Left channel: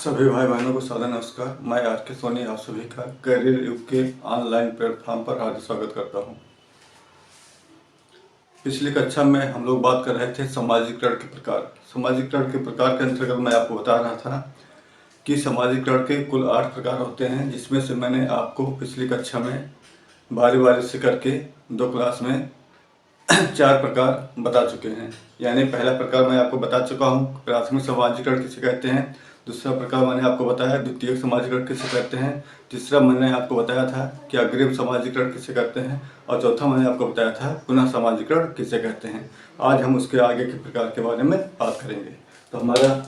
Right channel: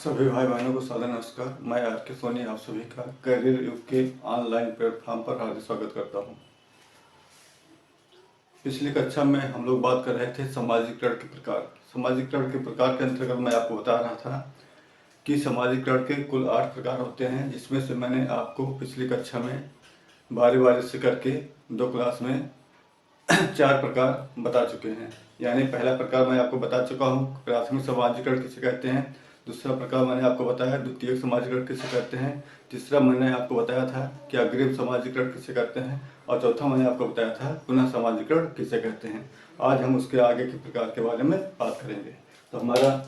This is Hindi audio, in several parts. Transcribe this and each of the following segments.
सभी भाई बहनों को सादर नमस्कार। मैं आर के सोनी आप सभी का करियर युग के ऑनलाइन प्लेटफॉर्म पर हार्दिक स्वागत करता हूं। पिछली कक्षा में हम लोग बात कर रहे थे सामाजिकरण के प्रकार। सामाजिकरण के प्रकार के अंतर्गत मैं आपको बता रहा था कि सामाजिकरण के कुल 8 प्रकार होते हैं, जिसमें से मैंने आपको पिछली कक्षा में बारी बारी से करके 2 क्लास में 4 प्रकार बता चुके हैं। यानी पहला प्रकार मैं आपको बता चुका हूँ, प्राथमिक सामाजिकरण किसे कहते हैं। दूसरा प्रकार मैंने आपको बताया द्वितीयक सामाजिकरण किसे कहते हैं। तीसरा मैंने आपको बताया था कि अग्रिम सामाजिकरण किसे कहते हैं। और चौथा मैंने आपको बताया था पुनः सामाजिकरण किसे कहते हैं। आज हम उसके आगे के प्रकार के बारे में बात करेंगे। तो हमारा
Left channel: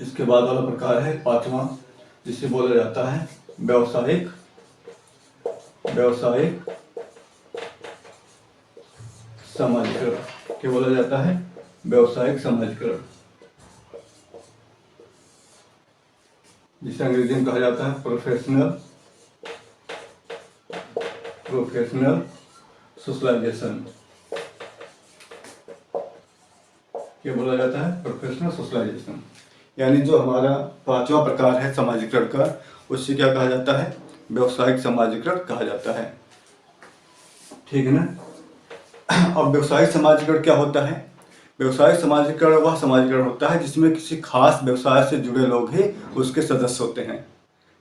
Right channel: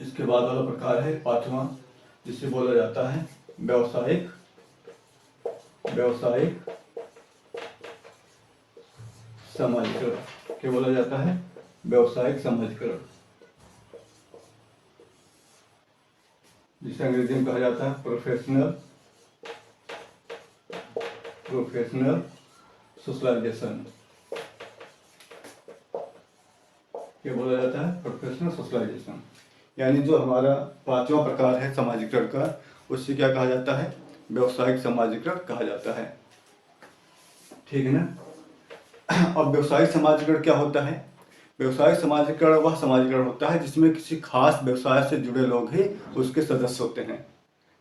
इसके बाद वाला प्रकार है 5वां, जिसे बोला जाता है व्यावसायिक सामाजिकरण। क्या बोला जाता है? व्यावसायिक सामाजिकरण, जिसे अंग्रेजी में कहा जाता है प्रोफेशनल सोशलाइजेशन। क्या बोला जाता है? Professional socialization. यानी जो हमारा 5वां प्रकार है सामाजिकरण का, उससे क्या कहा जाता है? व्यावसायिक सामाजिकरण कहा जाता है। ठीक है ना। अब व्यावसायिक समाजीकरण क्या होता है? व्यवसायिक समाजीकरण वह समाजीकरण होता है जिसमें किसी खास व्यवसाय से जुड़े लोग ही उसके सदस्य होते हैं।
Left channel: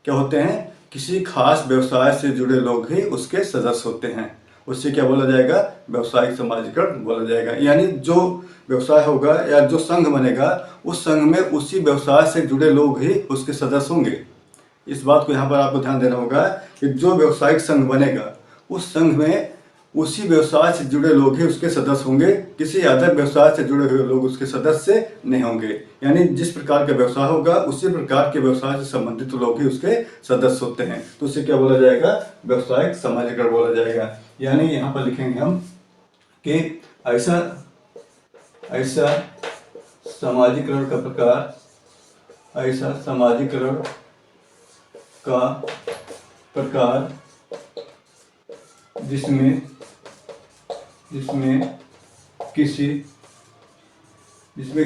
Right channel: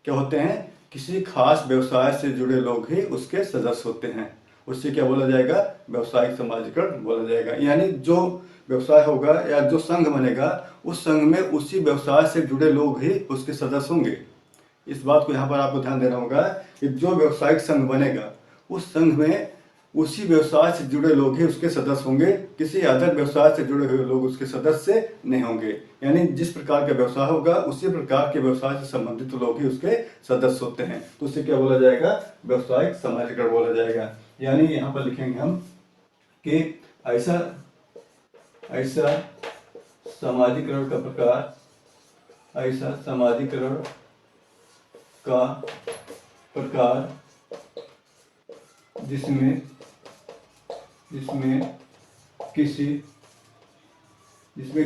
क्या होते हैं? किसी खास व्यवसाय से जुड़े लोग ही उसके सदस्य होते हैं। उससे क्या बोला जाएगा? व्यावसायिक समाजीकरण बोला जाएगा। यानी जो व्यवसाय होगा या जो संघ बनेगा, उस संघ में उसी व्यवसाय से जुड़े लोग ही उसके सदस्य होंगे। इस बात को यहाँ पर आपको ध्यान देना होगा कि जो व्यवसायिक संघ बनेगा, उस संघ में उसी व्यवसाय से जुड़े लोग ही उसके सदस्य होंगे। किसी अदर व्यवसाय से जुड़े हुए लोग उसके सदस्य नहीं होंगे। यानी जिस प्रकार का व्यवसाय होगा, उसी प्रकार के व्यवसाय से संबंधित लोग ही उसके सदस्य होते हैं। तो उसे क्या बोला जाएगा? व्यावसायिक समाजीकरण बोला जाएगा। यानी यहाँ पर लिखेंगे हम कि ऐसा समाजीकरण का प्रकार, ऐसा समाजीकरण का प्रकार जिसमें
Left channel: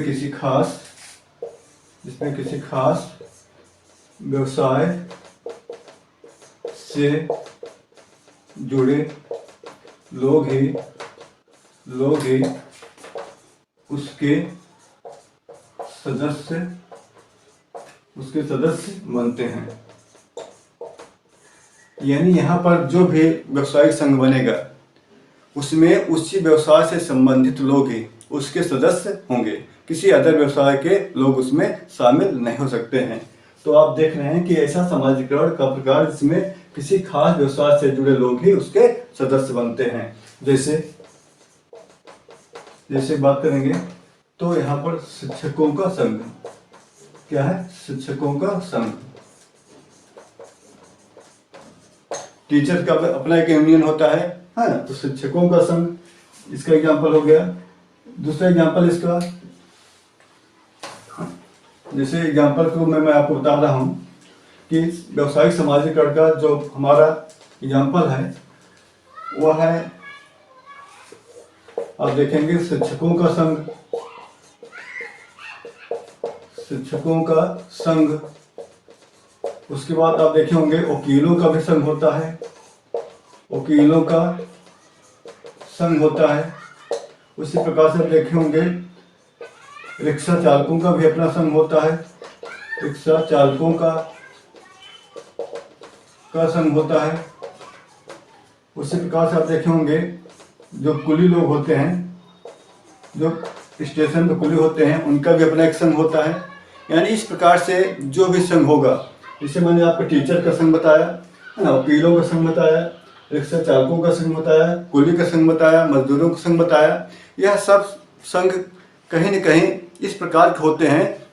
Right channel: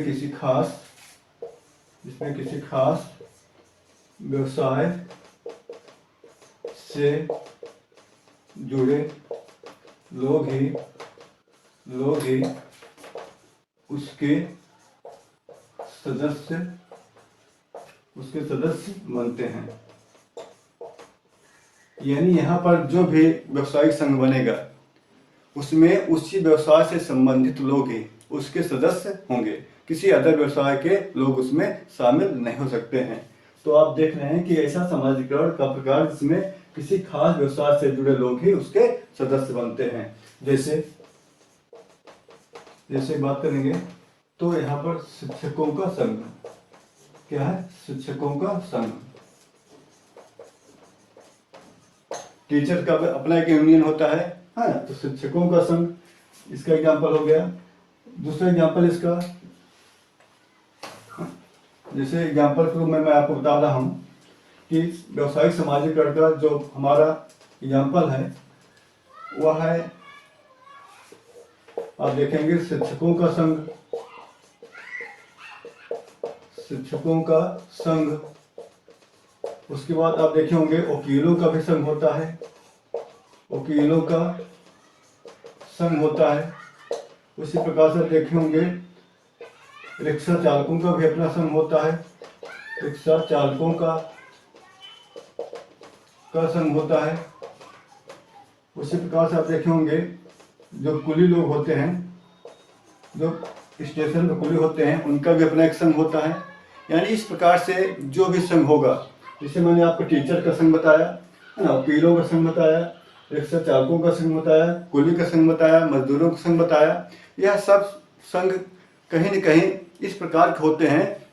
किसी खास व्यवसाय से जुड़े लोग ही उसके सदस्य बनते हैं। यानी यहाँ पर जो भी व्यवसायिक संघ बनेगा, उसमें उसी व्यवसाय से संबंधित लोग ही उसके सदस्य होंगे। किसी अदर व्यवसाय के लोग उसमें शामिल नहीं हो सकते हैं। तो आप देख रहे हैं कि ऐसा समाजीकरण का प्रकार जिसमें किसी खास व्यवसाय से जुड़े लोग ही उसके सदस्य बनते हैं। जैसे बात करेंगे तो यहाँ पर शिक्षकों का संघ। क्या है? शिक्षकों का संघ। टीचर का अपना एक यूनियन होता है ना। तो शिक्षकों का संघ इसका एग्जाम्पल हो गया। दूसरा एग्जाम्पल इसका, जैसे एग्जाम्पल के रूप में मैं आपको बता रहा हूँ कि व्यावसायिक समाजीकरण का जो हमारा एग्जाम्पल है वह है, आप देखेंगे शिक्षकों का संघ। उसके बाद आप देखे होंगे वकीलों का भी संघ होता है। उसी प्रकार से आप देखे होंगे रिक्शा चालकों का भी अपना संघ होता है। रिक्शा चालकों का संघ होता है। उसी प्रकार से आप देखे होंगे जो कुली लोग होते हैं, जो स्टेशन पर कुली होते हैं, उनका भी अपना एक संघ होता है। यानी इस प्रकार से जो भी संघ होगा, जैसे मैंने आपको टीचर का संघ बताया है ना, वकीलों का संघ बताया, रिक्शा चालकों का संघ बताया, कुली का संघ बताया, मजदूरों का संघ बताया। यह सब संघ कहीं न कहीं इस प्रकार के होते हैं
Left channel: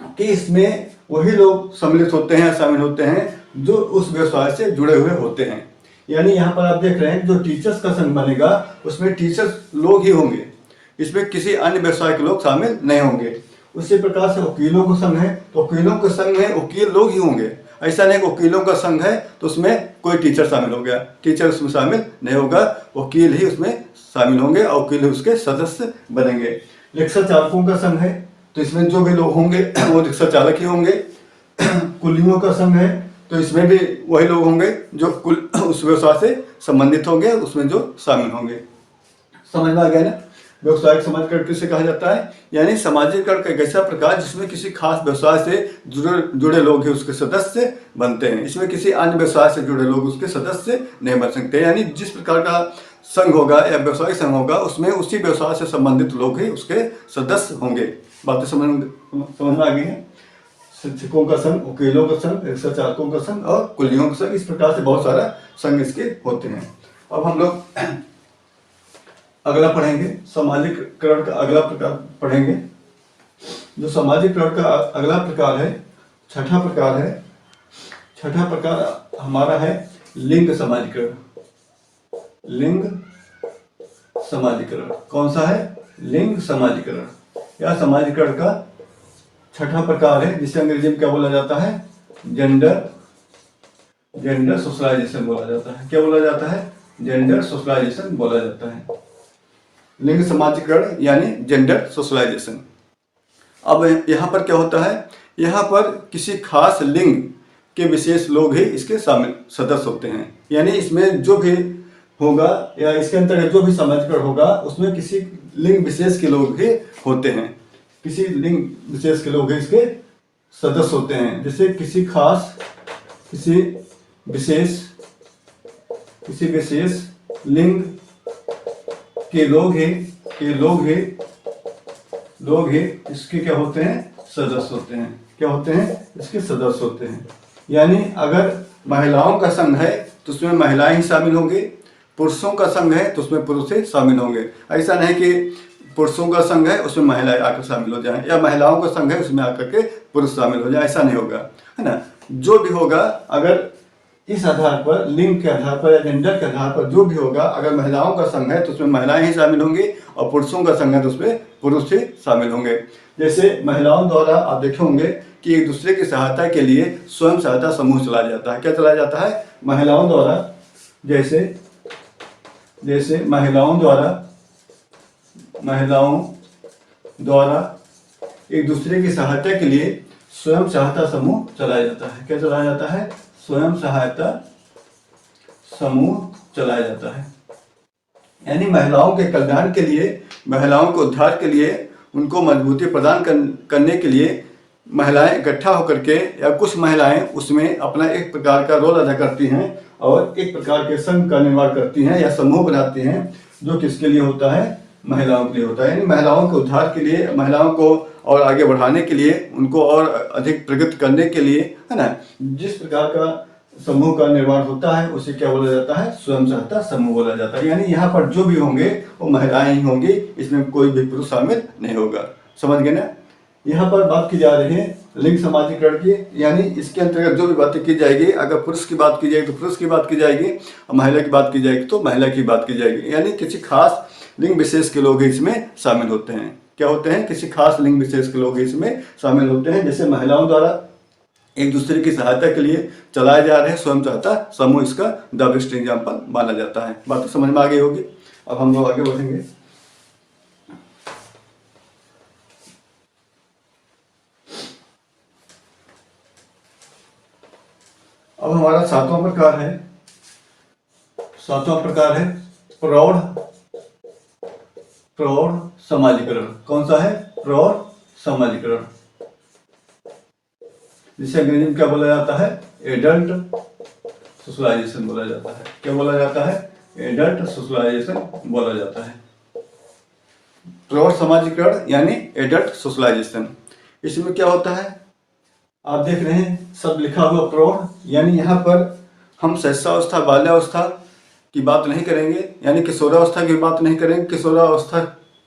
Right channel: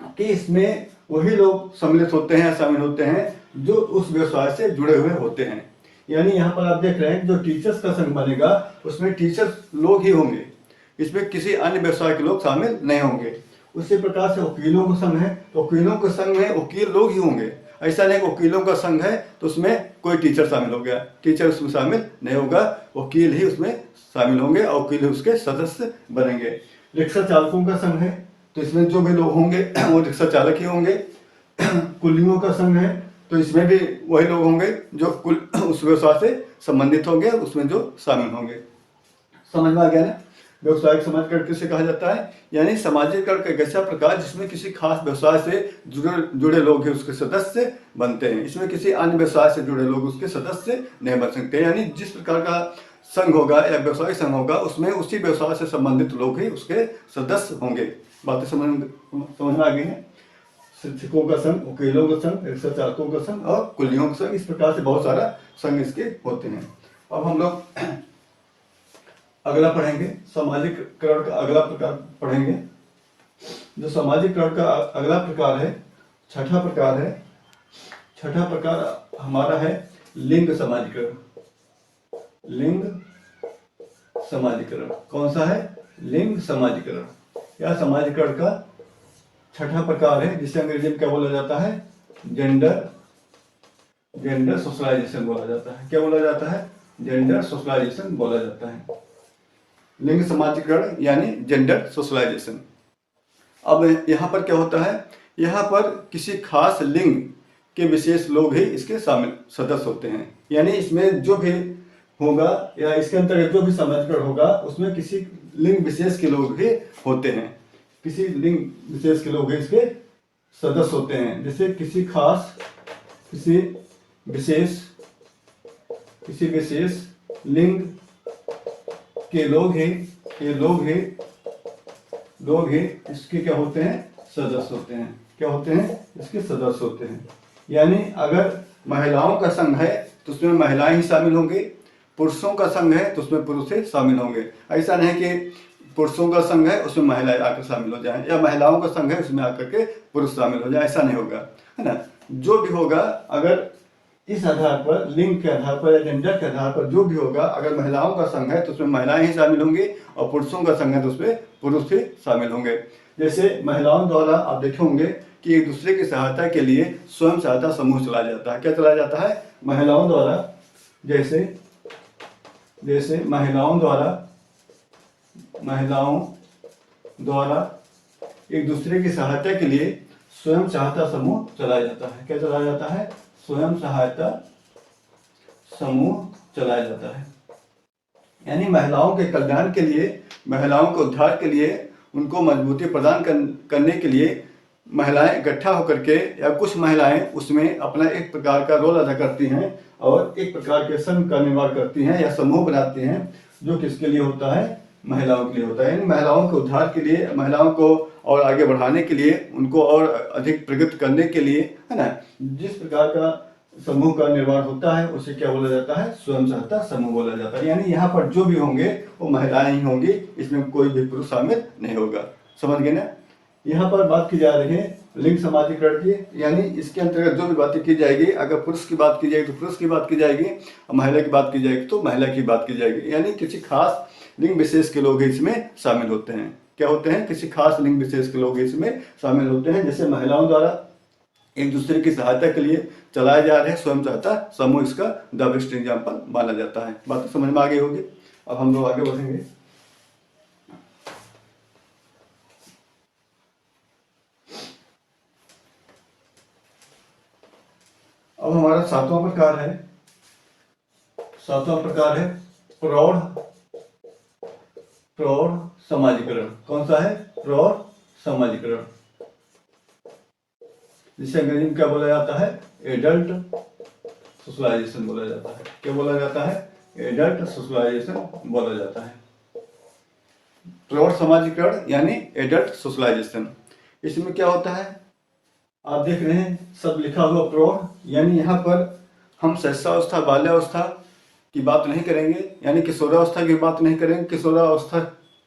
कि इसमें वही लोग सम्मिलित होते हैं, शामिल होते हैं जो उस व्यवसाय से जुड़े हुए होते हैं। यानी यहाँ पर आप देख रहे हैं जो टीचर्स का संघ बनेगा, उसमें टीचर्स लोग ही होंगे, इसमें किसी अन्य व्यवसाय के लोग शामिल नहीं होंगे। उसी प्रकार से वकीलों का संघ है, तो वकीलों के संघ में वकील लोग ही होंगे। ऐसा नहीं वकीलों का संघ है तो उसमें कोई टीचर शामिल हो गया, टीचर उसमें शामिल नहीं होगा, वकील ही उसमें शामिल होंगे और वकील ही उसके सदस्य बनेंगे। रिक्शा चालकों का संघ है तो इसमें जो भी लोग होंगे वो रिक्शा चालक ही होंगे। कुलियों का संघ है तो इसमें भी वही लोग होंगे जो कुल उस व्यवसाय से संबंधित होंगे, उसमें जो शामिल होंगे। समझ में आ गया ना। व्यवसायिक समाजीकरण किसे कहा जाता है, यानी समाजीकरण का एक ऐसा प्रकार जिसमें किसी खास व्यवसाय से जुड़े लोग ही उसके सदस्य बनते हैं। इसमें किसी अन्य व्यवसाय से जुड़े लोग उसके सदस्य नहीं बन सकते। यानी जिस प्रकार का संघ होगा या व्यवसायिक संघ होगा उसमें उसी व्यवसाय से संबंधित लोग ही उसके सदस्य होंगे। बातें समझ में आ गई है। शिक्षकों का संघ, वकीलों का संघ, रिक्शा चालकों का संघ और कुलियों का संघ, इस प्रकार से बहुत सारा संघ इसके होते हैं। अब हम लोग अगला पढ़ेंगे, सामाजिकरण का अगला प्रकार पढ़ेंगे। जो सामाजिकरण का अगला प्रकार है, छठा प्रकार है। छठा प्रकार हमारा है लिंग समाजीकरण। लिंग समाजीकरण कौन सा है? लिंग समाजीकरण। यह समाजीकरण का छठा प्रकार है जिसे अंग्रेजी में क्या बोला जाता है? जेंडर सोशलाइजेशन बोला जाता है। क्या बोला जाता है? जेंडर सोशलाइजेशन बोला जाता है। लिंग समाजीकरण यानी जेंडर सोशलाइजेशन। अब यहाँ पर क्या होता है? यहाँ पर किसी खास लिंग के विशेष लोग ही इसके शामिल सदस्य होते हैं। यानी इसमें जो भी होगा या इसके अंतर्गत जो भी समाजीकरण होगा उसमें किसी लिंग विशेष के लोग ही होते हैं। किसी लिंग विशेष के लोग इसके सदस्य होते हैं। जैसे किसी विशेष लिंग के लोग ही इसके क्या होते हैं? सदस्य होते हैं। क्या होते हैं? इसके सदस्य होते हैं। यानी अगर महिलाओं का संघ है तो उसमें महिलाएं ही शामिल होंगी, पुरुषों का संघ है तो उसमें पुरुष ही शामिल होंगे। ऐसा नहीं कि पुरुषों का संघ है उसमें महिलाएं आकर शामिल हो जाएं, या महिलाओं का संघ है उसमें आकर के पुरुष शामिल हो जाए, ऐसा नहीं होगा, है ना। जो भी होगा अगर इस आधार पर, लिंग के आधार पर या जेंडर के आधार पर जो भी होगा, अगर महिलाओं का संघ है तो उसमें महिलाएं ही शामिल होंगी और पुरुषों का संघ है तो उसमें पुरुष ही शामिल होंगे। जैसे महिलाओं द्वारा आप देखे होंगे कि एक दूसरे की सहायता के लिए स्वयं सहायता समूह चलाया जाता है। क्या चलाया जाता है? महिलाओं द्वारा, जैसे महिलाओं द्वारा एक दूसरे की सहायता के लिए स्वयं सहायता समूह चलाया जाता है। क्या चलाया जाता है? स्वयं सहायता समूह चलाया जाता है। यानी महिलाओं के कल्याण के लिए, महिलाओं के उद्धार के लिए, उनको मजबूती प्रदान करने के लिए महिलाएं इकट्ठा होकर के, या कुछ महिलाएं उसमें अपना एक प्रकार का रोल अदा करती हैं और एक प्रकार के संघ का निर्माण करती हैं या समूह बनाती हैं, जो किसके लिए होता है? महिलाओं के लिए होता है। यानी महिलाओं के उद्धार के लिए, महिलाओं को और आगे बढ़ाने के लिए, उनको और अधिक प्रगति करने के लिए, है ना, जिस प्रकार का समूह का निर्माण होता है उसे क्या बोला जाता है? स्वयं सहायता समूह बोला जाता है। यानी यहाँ पर जो भी होंगे वो महिलाएं ही होंगी, इसमें कोई भी पुरुष शामिल नहीं होगा। समझ गए ना। यहाँ पर बात की जा रही है लिंग समाजीकरण की, यानी इसके अंतर्गत जो भी बातें की जाएगी, अगर पुरुष की बात की जाएगी तो पुरुष की बात की जाएगी, और महिला की बात की जाएगी तो महिला की बात की जाएगी। यानी किसी खास लिंग विशेष के लोग इसमें शामिल होते हैं। क्या होते हैं? किसी खास लिंग विशेष के लोग इसमें शामिल होते हैं। जैसे महिलाओं द्वारा एक दूसरे की सहायता के लिए चलाए जा रहे स्वयं सहायता समूह, इसका द बेस्ट एग्जाम्पल माना जाता है। बात तो समझ में आ गई होगी। अब हम लोग आगे बढ़ेंगे। अब हमारा सातवां प्रकार है प्रौढ़ समाजीकरण। कौन सा है? प्रौढ़ समाजीकरण, जिसे अंग्रेजी में क्या बोला जाता है? एडल्ट सोशलाइजेशन बोला जाता है। क्या बोला जाता है? एडल्ट सोशलाइजेशन बोला जाता है। प्रौढ़ समाजीकरण यानी एडल्ट सोशलाइजेशन। इसमें क्या होता है? आप देख रहे हैं सब लिखा हुआ प्रौढ़, यानी यहाँ पर हम शैशवावस्था, बाल्यावस्था की बात नहीं करेंगे, यानी किशोरावस्था की बात नहीं करेंगे, किशोरावस्था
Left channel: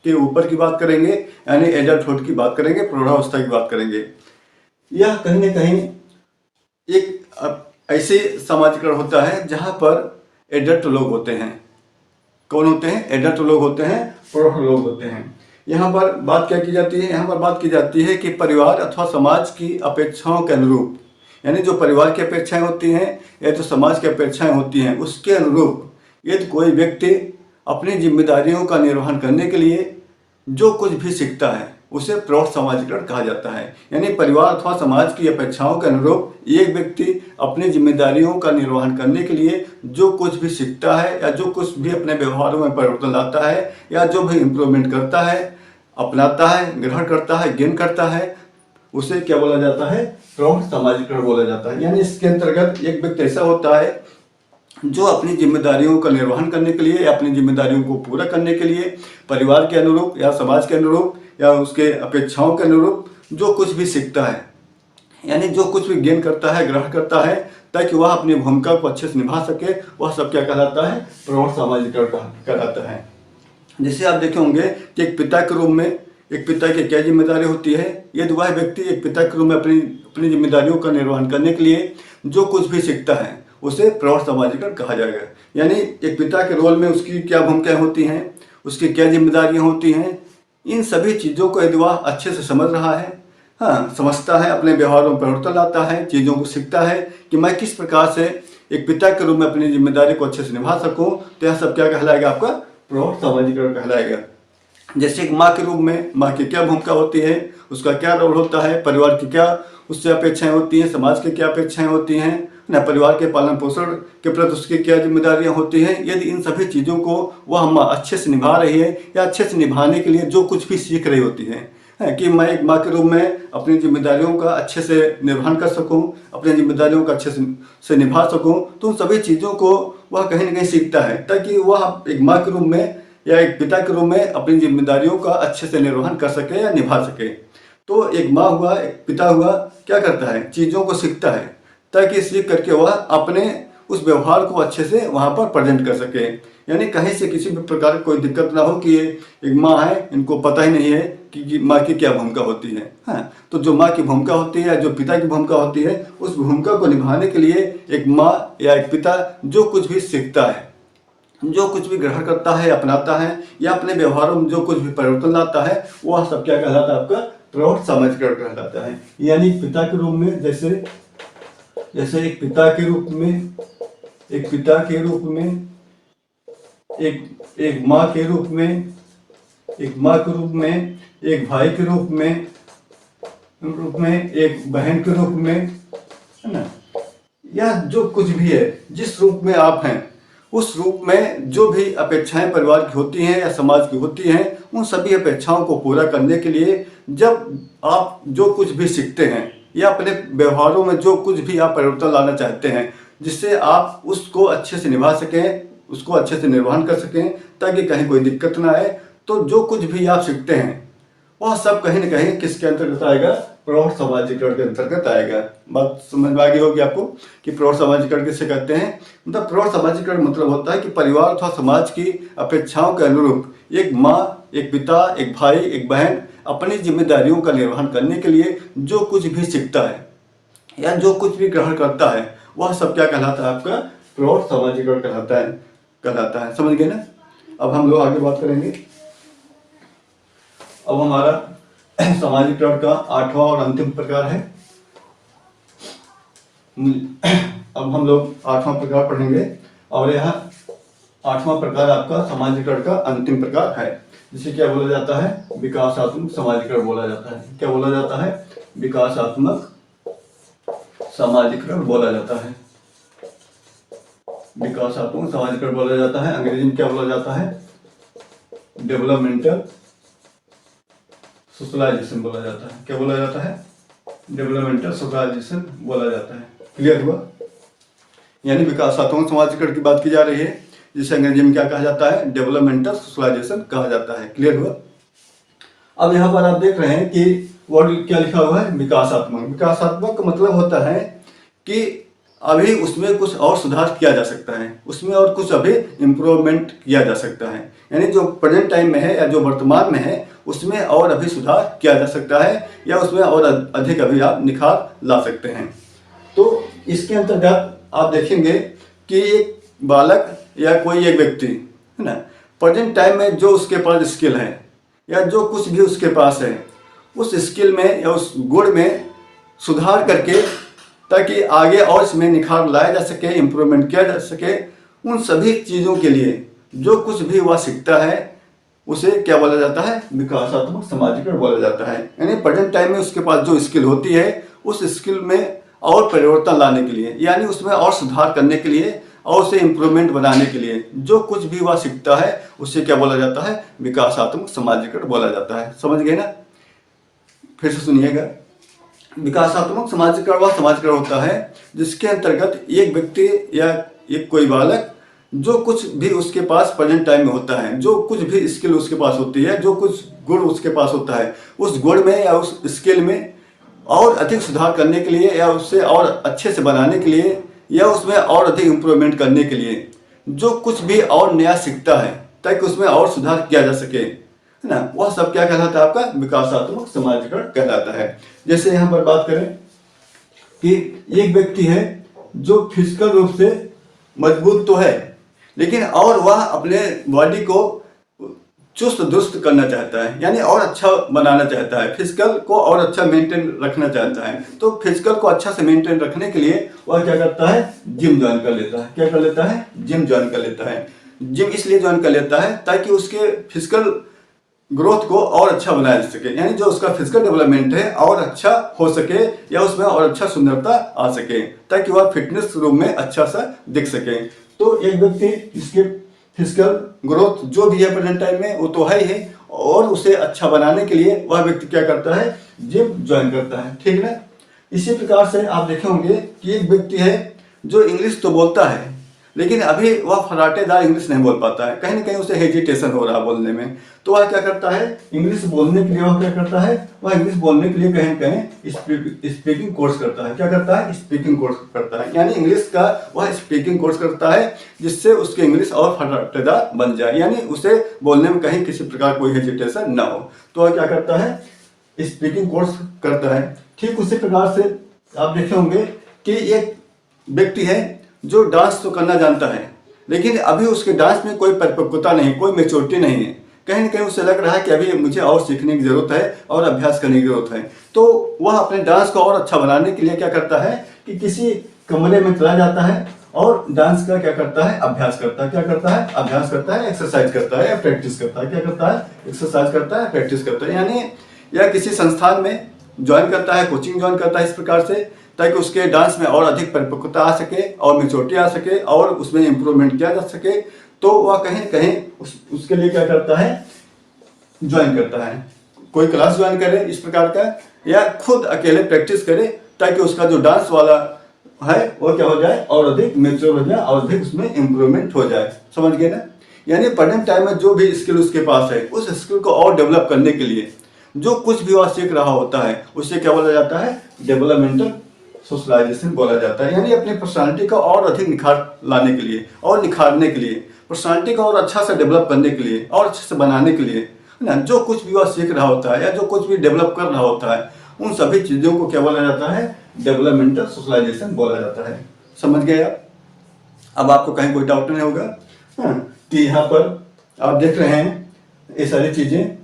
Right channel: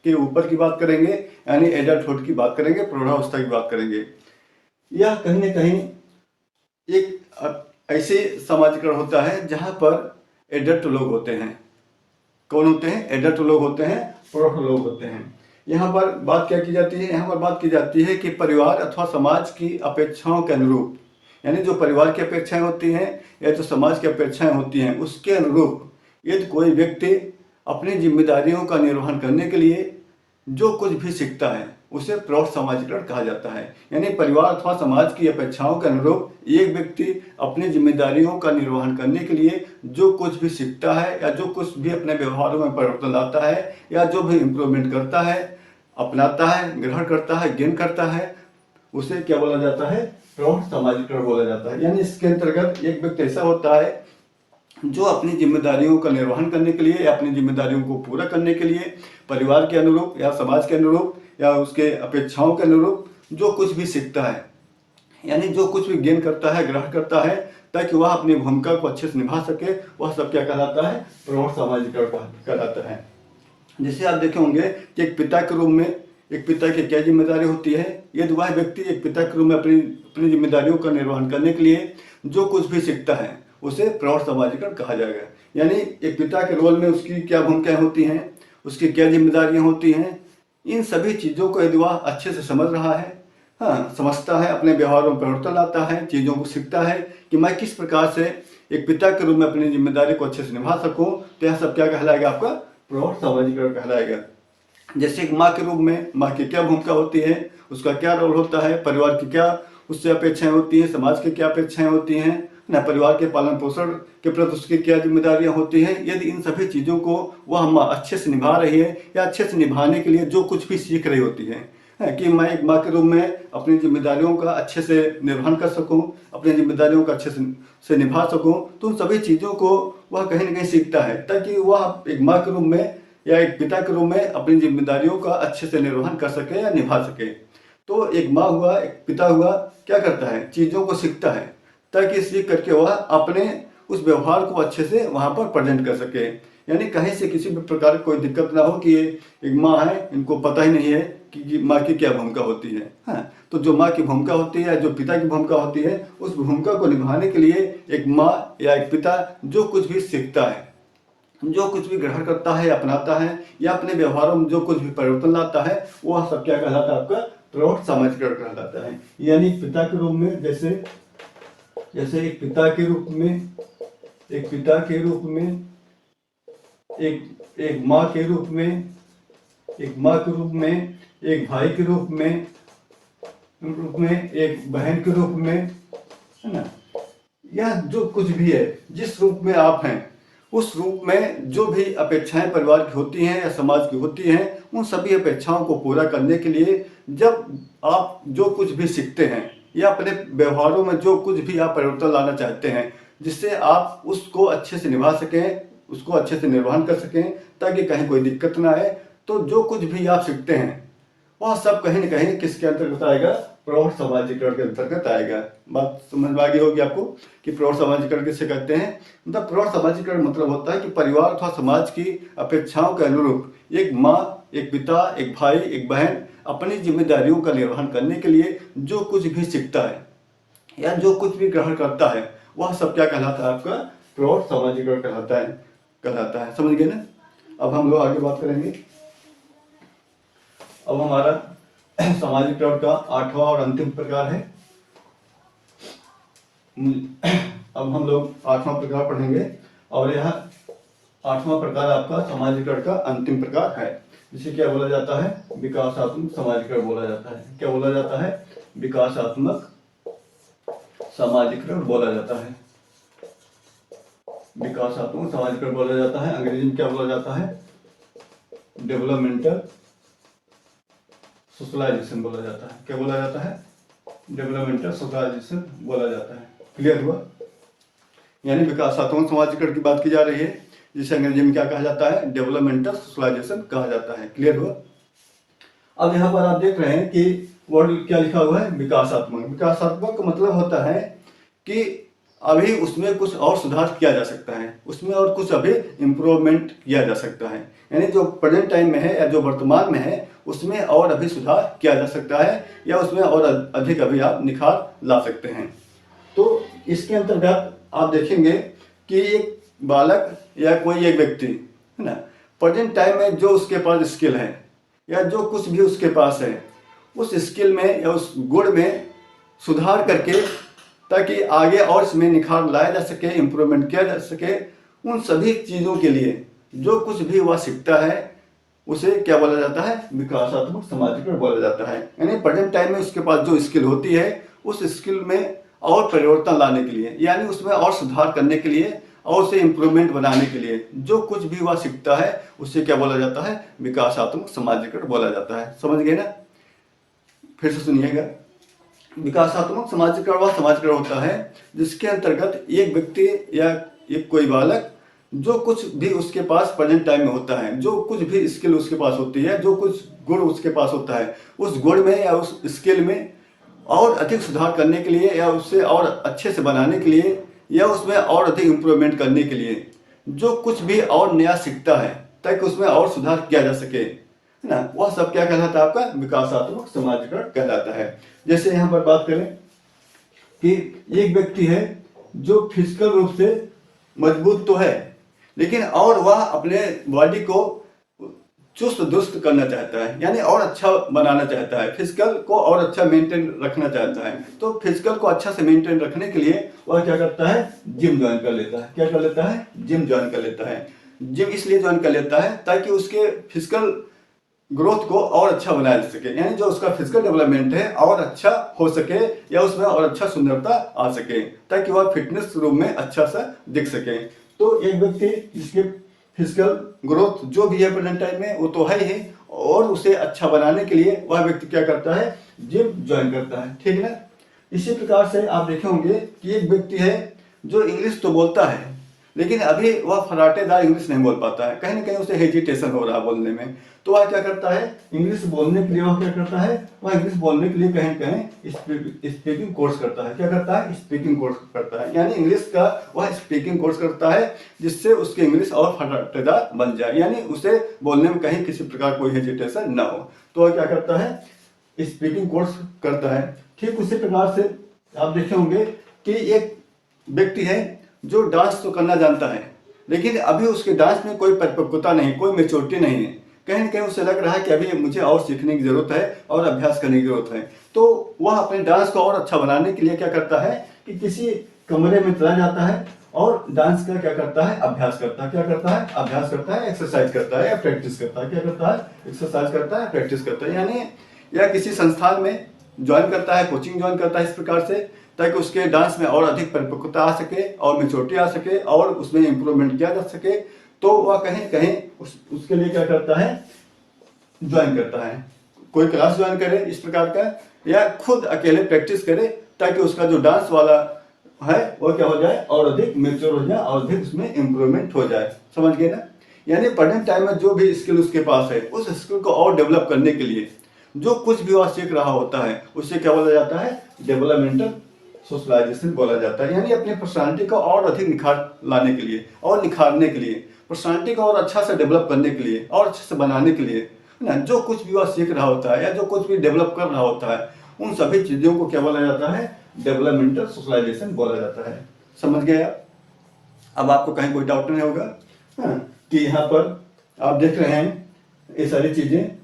के ऊपर की बात करेंगे, यानी एडल्टहुड की बात करेंगे, प्रौढ़ावस्था की बात करेंगे। यह कहीं न कहीं एक ऐसे समाजीकरण होता है जहाँ पर एडल्ट लोग होते हैं। कौन होते हैं? एडल्ट लोग होते हैं, प्रौढ़ लोग होते हैं। यहाँ पर बात क्या की जाती है? यहाँ पर बात की जाती है कि परिवार अथवा समाज की अपेक्षाओं के अनुरूप, यानी जो परिवार की अपेक्षाएं होती हैं या तो समाज की अपेक्षाएं होती हैं, उसके अनुरूप यदि कोई व्यक्ति अपनी जिम्मेदारियों का निर्वहन करने के लिए जो कुछ भी सीखता है, उसे प्रौढ़ समाजीकरण कहा जाता है। यानी परिवार अथवा समाज की अपेक्षाओं के अनुरूप एक व्यक्ति अपनी जिम्मेदारियों का निर्वहन करने के लिए जो कुछ भी सीखता है या जो कुछ भी अपने व्यवहारों में परिवर्तन लाता है या जो भी इम्प्रूवमेंट करता है, अपनाता है, ग्रहण करता है, गेन करता है, उसे क्या बोला जाता है? प्रौढ़ समाजीकरण बोला जाता है। यानी इसके अंतर्गत एक व्यक्ति ऐसा होता है जो अपनी जिम्मेदारियों का निर्वहन करने के लिए या अपनी जिम्मेदारियों को पूरा करने के लिए परिवार के अनुरूप या समाज के अनुरूप या उसके अपेक्षाओं के अनुरूप जो कुछ भी सीखता है, यानी जो कुछ भी गेन करता है, ग्रहण करता है, ताकि वह अपनी भूमिका को अच्छे से निभा सके, वह सब क्या कहलाता है? प्रौढ़ समाजीकरण कहलाता है। जैसे आप देखे होंगे कि एक पिता के रूप में एक पिता की क्या जिम्मेदारी होती है। यदि वह व्यक्ति एक पिता के रूप में अपनी जिम्मेदारियों का निर्वहन करने के लिए जो कुछ भी सीखता है उसे प्रौढ़ समाजीकरण कहा जाएगा। यानी एक पिता के रोल में उसकी क्या भूमिकाएं होती हैं, उसकी क्या जिम्मेदारियां होती हैं, इन सभी चीज़ों को यदि वह अच्छे से समझ रहा है, हाँ समझता है, अपने व्यवहारों में परिवर्तन लाता है, चीज़ों को सीखता है कि मैं किस प्रकार से एक पिता के रूप में अपनी जिम्मेदारी को अच्छे से निभा सकूं, तो यह सब क्या कहलाएगा? आपका प्रौढ़ समाजीकरण कहलाएगा। जैसे एक माँ के रूप में माँ की क्या भूमिका होती है, उसका क्या रोल होता है, परिवार की क्या उससे अपेक्षाएं होती हैं, समाज की क्या अपेक्षाएं होती हैं, न परिवार के पालन पोषण के प्रति उसकी क्या जिम्मेदारियां होती हैं। यदि इन सभी चीज़ों को वह माँ अच्छे से निभा रही है या अच्छे से निभाने के लिए जो कुछ भी सीख रही होती है कि मैं एक माँ के रूप में अपनी जिम्मेदारियों का अच्छे से निर्वहन कर सकूं, अपनी जिम्मेदारियों का अच्छे से निभा सकूं, तो उन सभी चीज़ों को वह कहीं ना कहीं सीखता है ताकि वह एक माँ के रूप में या एक पिता के रूप में अपनी जिम्मेदारियों का अच्छे से निर्वहन कर सके या निभा सके। तो एक माँ हुआ, एक पिता हुआ, क्या करता है? चीज़ों को सीखता है ताकि सीख करके वह अपने उस व्यवहार को अच्छे से वहाँ पर प्रेजेंट कर सके। यानी कहीं से किसी भी प्रकार की कोई दिक्कत ना हो कि एक माँ है, इनको पता ही नहीं है कि माँ की क्या भूमिका होती है। हाँ, तो जो माँ की भूमिका होती है, जो पिता की भूमिका होती है, उस भूमिका को निभाने के लिए एक माँ या एक पिता जो कुछ भी सीखता है, जो कुछ भी ग्रहण करता है, अपनाता है या अपने व्यवहारों में जो कुछ भी परिवर्तन लाता है, वह सब क्या कहलाता है? आपका प्रौढ़ समाजीकरण कहलाता है। यानी पिता के रूप में जैसे एक पिता के रूप में एक माँ के रूप में, एक भाई के रूप में, एक बहन के रूप में, है ना, या जो कुछ भी है, जिस रूप में आप हैं उस रूप में जो भी अपेक्षाएं परिवार की होती हैं या समाज की होती हैं, उन सभी अपेक्षाओं को पूरा करने के लिए जब आप जो कुछ भी सीखते हैं या अपने व्यवहारों में जो कुछ भी आप परिवर्तन लाना चाहते हैं, जिससे आप उसको अच्छे से निभा सकें, उसको अच्छे से निर्वहन कर सकें ताकि कहीं कोई दिक्कत ना आए, तो जो कुछ भी आप सीखते हैं वह सब कहीं ना कहीं किसके अंतर्गत आएगा? प्रौढ़ समाजीकरण के अंतर्गत आएगा। बात समझ में आ गई होगी आपको कि प्रौढ़ समाजीकरण किसे कहते हैं। मतलब प्रौढ़ समाजीकरण मतलब होता है कि परिवार अथवा समाज की अपेक्षाओं के अनुरूप एक माँ, एक पिता, एक भाई, एक बहन अपनी जिम्मेदारियों का निर्वहन करने के लिए जो कुछ भी सीखता है या जो कुछ भी ग्रहण करता है, वह सब क्या कहलाता है? आपका प्रौढ़ समाजीकरण कहलाता है। समझ गए ना? अब हम लोग आगे बात करेंगे। अब हमारा समाजीकरण का 8वां और अंतिम प्रकार है। अब हम लोग 8वां प्रकार पढ़ेंगे और यह 8वां प्रकार आपका समाजीकरण का अंतिम प्रकार है, जिसे क्या बोला जाता है? विकासात्मक समाजीकरण बोला जाता है। क्या बोला जाता है? विकासात्मक समाजीकरण बोला जाता है। विकासात्मक समाजीकरण बोला जाता है। अंग्रेजी में क्या बोला जाता है? डेवलपमेंटल सोशलाइजेशन बोला जाता है। क्या बोला जाता है? डेवलपमेंटल सोशलाइजेशन बोला जाता है। क्लियर हुआ? यानी विकासात्मक समाजीकरण की बात की जा रही है, जिसे अंग्रेजी में क्या कहा जाता है? डेवलपमेंटल सोशलाइजेशन कहा जाता है। क्लियर हुआ? अब यहाँ पर आप देख रहे हैं कि वर्ड क्या लिखा हुआ है? विकासात्मक। विकासात्मक का मतलब होता है कि अभी उसमें कुछ और सुधार किया जा सकता है, उसमें और कुछ अभी इम्प्रूवमेंट किया जा सकता है। यानी जो प्रेजेंट टाइम में है या जो वर्तमान में है उसमें और अभी सुधार किया जा सकता है या उसमें और अधिक अभी आप निखार ला सकते हैं। तो इसके अंतर्गत आप देखेंगे कि एक बालक या कोई एक व्यक्ति, है ना, प्रेजेंट टाइम में जो उसके पास स्किल है या जो कुछ भी उसके पास है, उस स्किल में या उस गुण में सुधार करके ताकि आगे और इसमें निखार लाया जा सके, इम्प्रूवमेंट किया जा सके, उन सभी चीज़ों के लिए जो कुछ भी वह सीखता है उसे क्या बोला जाता है, विकासात्मक समाजीकरण बोला जाता है। यानी प्रेजेंट टाइम में उसके पास जो स्किल होती है उस स्किल में और परिवर्तन लाने के लिए, यानी उसमें और सुधार करने के लिए और उसे इम्प्रूवमेंट बनाने के लिए जो कुछ भी वह सीखता है उससे क्या बोला जाता है, विकासात्मक समाजीकरण बोला जाता है। समझ गए ना? फिर से सुनिएगा। विकासात्मक समाजीकरण वह समाजीकरण होता है जिसके अंतर्गत एक व्यक्ति या एक कोई बालक जो कुछ भी उसके पास प्रेजेंट टाइम में होता है, जो कुछ भी स्किल उसके पास होती है, जो कुछ गुण उसके पास होता है, उस गुण में या उस स्किल में और अधिक सुधार करने के लिए या उससे और अच्छे से बनाने के लिए या उसमें और अधिक इम्प्रूवमेंट करने के लिए जो कुछ भी और नया सीखता है ताकि उसमें और सुधार किया जा सके, है ना, वह सब क्या कहलाता है, आपका विकासात्मक समाजीकरण कहलाता है। जैसे यहाँ पर बात करें कि एक व्यक्ति है जो फिजिकल रूप से मजबूत तो है लेकिन और वह अपने बॉडी को चुस्त दुरुस्त करना चाहता है, यानी और अच्छा बनाना चाहता है, फिजिकल को और अच्छा मेंटेन रखना चाहता है। तो फिजिकल को अच्छा से मेंटेन रखने के लिए वह क्या करता है, जिम ज्वाइन कर लेता है। क्या कर लेता है, जिम ज्वाइन कर लेता है। जिम इसलिए ज्वाइन कर लेता है ताकि उसके फिजिकल ग्रोथ को और अच्छा बनाया जा सके, यानी जो उसका फिजिकल डेवलपमेंट है और अच्छा हो सके या उसमें और अच्छा सुंदरता आ सके ताकि वह फिटनेस रूप में अच्छा सा दिख सके। तो एक व्यक्ति इसके फिजिकल ग्रोथ जो भी है प्रेजेंट टाइम में वो तो है ही, और उसे अच्छा बनाने के लिए वह व्यक्ति क्या करता है, जिम ज्वाइन करता है। ठीक है ना? इसी प्रकार से आप देखे होंगे कि एक व्यक्ति है जो इंग्लिश तो बोलता है लेकिन अभी वह फराटेदार इंग्लिश नहीं बोल पाता है, कहीं ना कहीं उसे हेजिटेशन हो रहा है बोलने में। तो वह क्या करता है, इंग्लिश बोलने के लिए वह क्या करता है, वह इंग्लिश बोलने के लिए कहीं कहीं स्पीकिंग कोर्स करता है। क्या करता है, स्पीकिंग कोर्स करता है, यानी इंग्लिश का वह स्पीकिंग कोर्स करता है जिससे उसकी इंग्लिश और फराटेदार बन जाए, यानी उसे बोलने में कहीं किसी प्रकार कोई हेजिटेशन ना हो। तो वह क्या करता है, स्पीकिंग कोर्स करता है। ठीक उसी प्रकार से आप देखे होंगे कि एक व्यक्ति है जो डांस तो करना जानता है लेकिन अभी उसके डांस में कोई परिपक्वता नहीं, कोई मेच्योरिटी नहीं है, कहीं ना कहीं उसे लग रहा है कि अभी मुझे और सीखने की जरूरत है और अभ्यास करने की जरूरत है। तो वह अपने डांस को और अच्छा बनाने के लिए क्या करता है कि किसी कमरे में चला जाता है और डांस का क्या करता है, अभ्यास करता है। क्या करता है, अभ्यास करता है, एक्सरसाइज करता है या प्रैक्टिस करता है। क्या करता है, एक्सरसाइज करता है, प्रैक्टिस करता है, यानी या किसी संस्थान में ज्वाइन करता है, कोचिंग ज्वाइन करता है इस प्रकार से ताकि उसके डांस में और अधिक परिपक्वता आ सके और मेच्योरिटी आ सके और उसमें इम्प्रूवमेंट किया जा सके। तो वह कहीं कहीं उसके लिए क्या करता है, ज्वाइन करता है, कोई क्लास ज्वाइन करे इस प्रकार का या खुद अकेले प्रैक्टिस करे ताकि उसका जो डांस वाला है वो क्या हो जाए और अधिक मेच्योर हो जाए और अधिक उसमें इम्प्रूवमेंट हो जाए। समझ गए ना? यानी प्रेजेंट टाइम में जो भी स्किल उसके पास है उस स्किल को और डेवलप करने के लिए जो कुछ भी वह सीख रहा होता है उससे क्या बोला जाता है, डेवलपमेंटल सोशलाइजेशन बोला जाता है। यानी अपनी पर्सनालिटी को और अधिक निखार लाने के लिए और निखारने के लिए, पर्सनालिटी को और अच्छा से डेवलप करने के लिए और अच्छे से बनाने के लिए ना, जो कुछ भी वह सीख रहा होता है या जो कुछ भी डेवलप कर रहा होता है उन सभी चीज़ों को क्या बोला जाता है, डेवलपमेंटल सोशलाइजेशन बोला जाता है। समझ गए आप? अब आपको कहीं कोई डाउट नहीं होगा कि यहाँ पर आप देख रहे हैं ये सारी चीज़ें।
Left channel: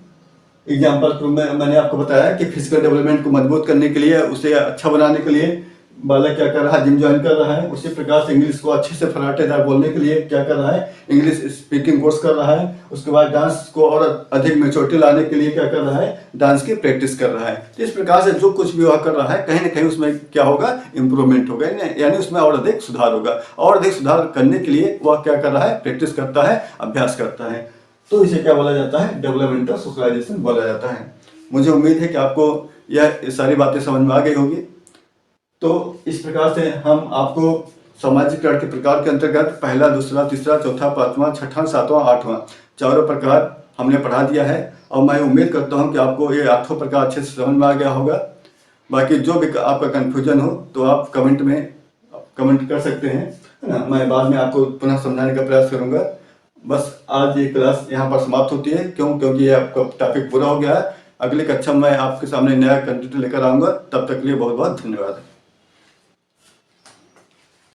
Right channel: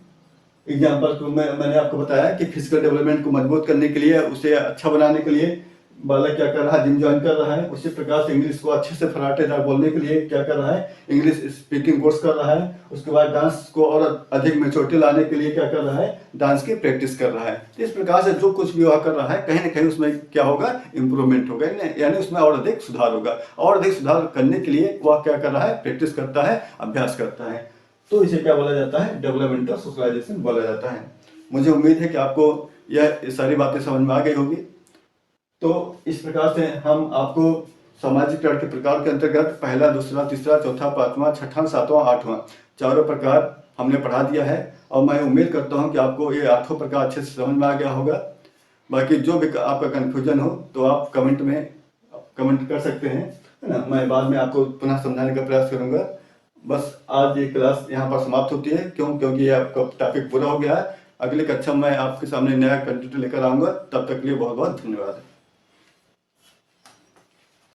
एग्जाम्पल तो मैंने आपको बताया कि फिजिकल डेवलपमेंट को मजबूत करने के लिए, उसे अच्छा बनाने के लिए बालक क्या कर रहा है, जिम ज्वाइन कर रहा है। उसी प्रकार से इंग्लिश को अच्छे से फराटेदार बोलने के लिए क्या कर रहा है, इंग्लिश स्पीकिंग कोर्स कर रहा है। उसके बाद डांस को और अधिक मेच्योरिटी लाने के लिए क्या कर रहा है, डांस की प्रैक्टिस कर रहा है। तो इस प्रकार से जो कुछ भी वह कर रहा है कहीं ना कहीं उसमें क्या होगा, इम्प्रूवमेंट होगा, यानी उसमें और अधिक सुधार होगा। और अधिक सुधार करने के लिए वह क्या कर रहा है, प्रैक्टिस करता है, अभ्यास करता है। तो इसे क्या बोला जाता है, डेवलपमेंटल सोशलाइजेशन बोला जाता है। मुझे उम्मीद है कि आपको यह सारी बातें समझ में आ गई होगी। तो इस प्रकार से हम आपको समाजीकरण के प्रकार के अंतर्गत पहला, दूसरा, तीसरा, चौथा, पांचवा, छठा, सातवां, आठवां चारों प्रकार हमने पढ़ा दिया है और मैं उम्मीद करता हूं कि आपको ये आठों प्रकार अच्छे से समझ में आ गया होगा। बाकी जो भी आपका कन्फ्यूजन हो तो आप कमेंट में कमेंट कर सकते हैं, है ना। मैं बाद में आपको पुनः समझाने का प्रयास करूंगा। बस आज ये क्लास यहाँ पर समाप्त होती है। क्योंकि ये आपका टॉपिक पूरा हो गया है। अगली कक्षा में आपके सामने नया कंटेंट लेकर आऊँगा। तब तक के लिए बहुत बहुत धन्यवाद।